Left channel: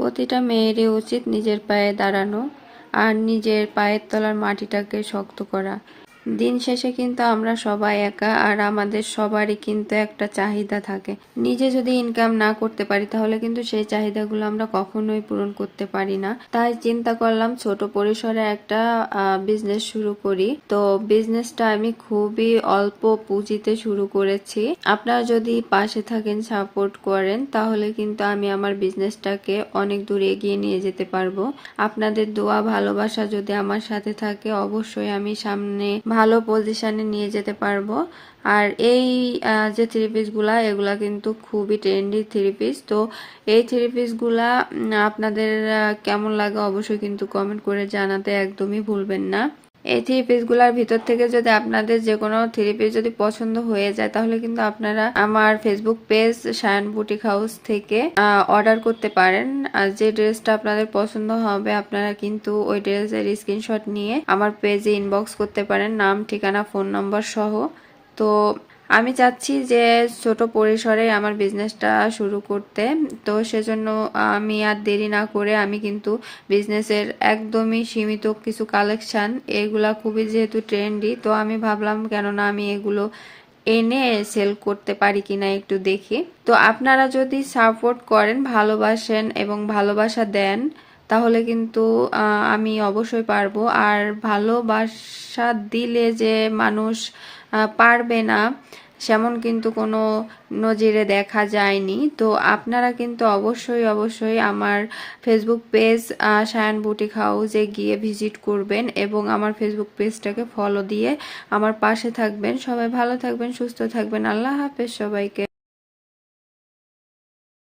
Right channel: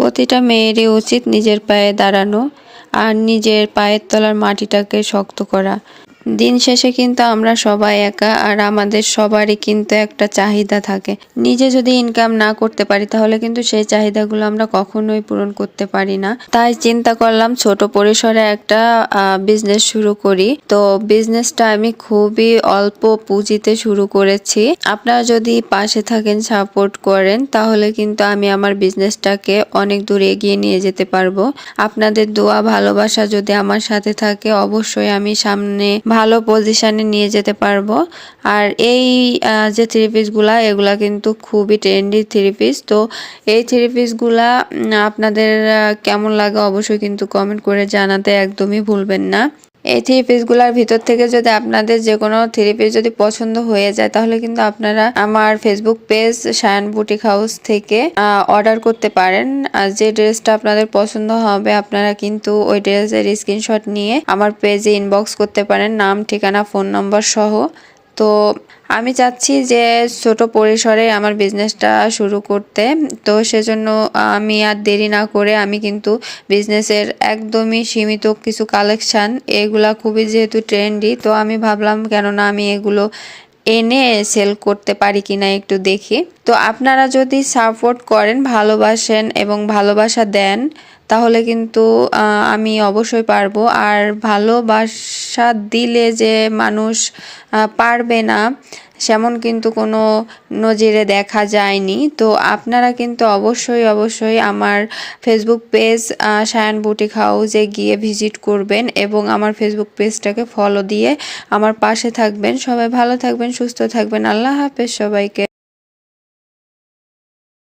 প্রতিটা মেয়েরই উচিত নিজের পায়ে দাঁড়ানো আর নিজের পায়ের তলার মাটিটাকে শক্ত করা। দিন শেষে কিন্তু আমরা সবাই একা, আর আমাদের সবারই কিন্তু একটা চাহিদা থাকে। নিজে যদি ইনকাম না করতে পারি তাহলে কিন্তু সেই চাহিদাগুলো আমরা কখনোই পূরণ করতে পারি না। তাই চিন্তা করলাম ছোট পরিসরে একটা বিজনেস শুরু করি। তো বিজনেসটা আমি খুবই অল্প পুঁজিতে শুরু করেছি। আপনারা যদি পাশে থাকেন, সাপোর্ট করেন, তাহলে কিন্তু আমি আমার বিজনেসটাকে অনেক দূর এগিয়ে নিয়ে যেতে পারবো। আপনাদের দোয়া ভালোবাসা যদি আমার সাথে থাকে, অবশ্যই আমি সামনে ভালো পজিশনে নিয়ে যেতে পারবো। আর এই যে থ্রি পিসগুলা, এগুলা কিন্তু খুবই ট্রেন্ডি থ্রি পিস। তো এই থ্রি পিসগুলা আপনাদের কেমন লাগে অবশ্যই কিন্তু কমেন্ট করে জানাতে একদমই ভুলবেন না। এই থ্রি পিসগুলোর ভিতর থেকে যদি আপনাদের যে কোনো থ্রি পিস যদি পছন্দ হয়ে যায়, তাহলে কিন্তু আপনারা আমার Facebook page Shayan boutique house থেকে অর্ডার করতে পারেন। আর যে ড্রেসটা আপনাদের পছন্দ হবে, আপনারা কিন্তু ওই ড্রেসের স্ক্রিনশট নিয়ে আমার পেজে ইনবক্স করতে পারেন, নাম, ঠিকানা, ফোন নম্বর সহ। তো আমি চাচ্ছি যে ছোট পরিসরে আমার বিজনেসটা শুরু করতে। তো সেজন্য আমি আর দেরি না করে আমি কিন্তু বিজনেসের একদমই সীমিত কিছু কালেকশান, এগুলা খুবই যেহেতু ট্রেন্ডি, তো আমি ভাবলাম কেননা আমি এগুলো এনে সেল করতে পারি কিনা একটু দেখি। তো আপনারা যদি সাপোর্ট করেন, ভালোবাসেন এবং ভালোবাসা দেন, তাহলে কিন্তু আমি অবশ্যই পারবো। আর ভালোবাসা দিলে যে মানুষ পারবে না, সেমন কিন্তু কোনো নজিরে দেখা যায়নি। তো আপনারা কিন্তু অবশ্যই আমার ফেসবুক পেজ শায়ান বুটিক হাউসে গিয়ে ভিজিট করবেন এবং আমার ফেসবুক পেজটাকে ফলো দিয়ে আমার পাশে থাকবেন। সবাই ভালো থাকবেন, সুস্থ থাকবেন। আল্লাহ হাফেজ সবাইকে।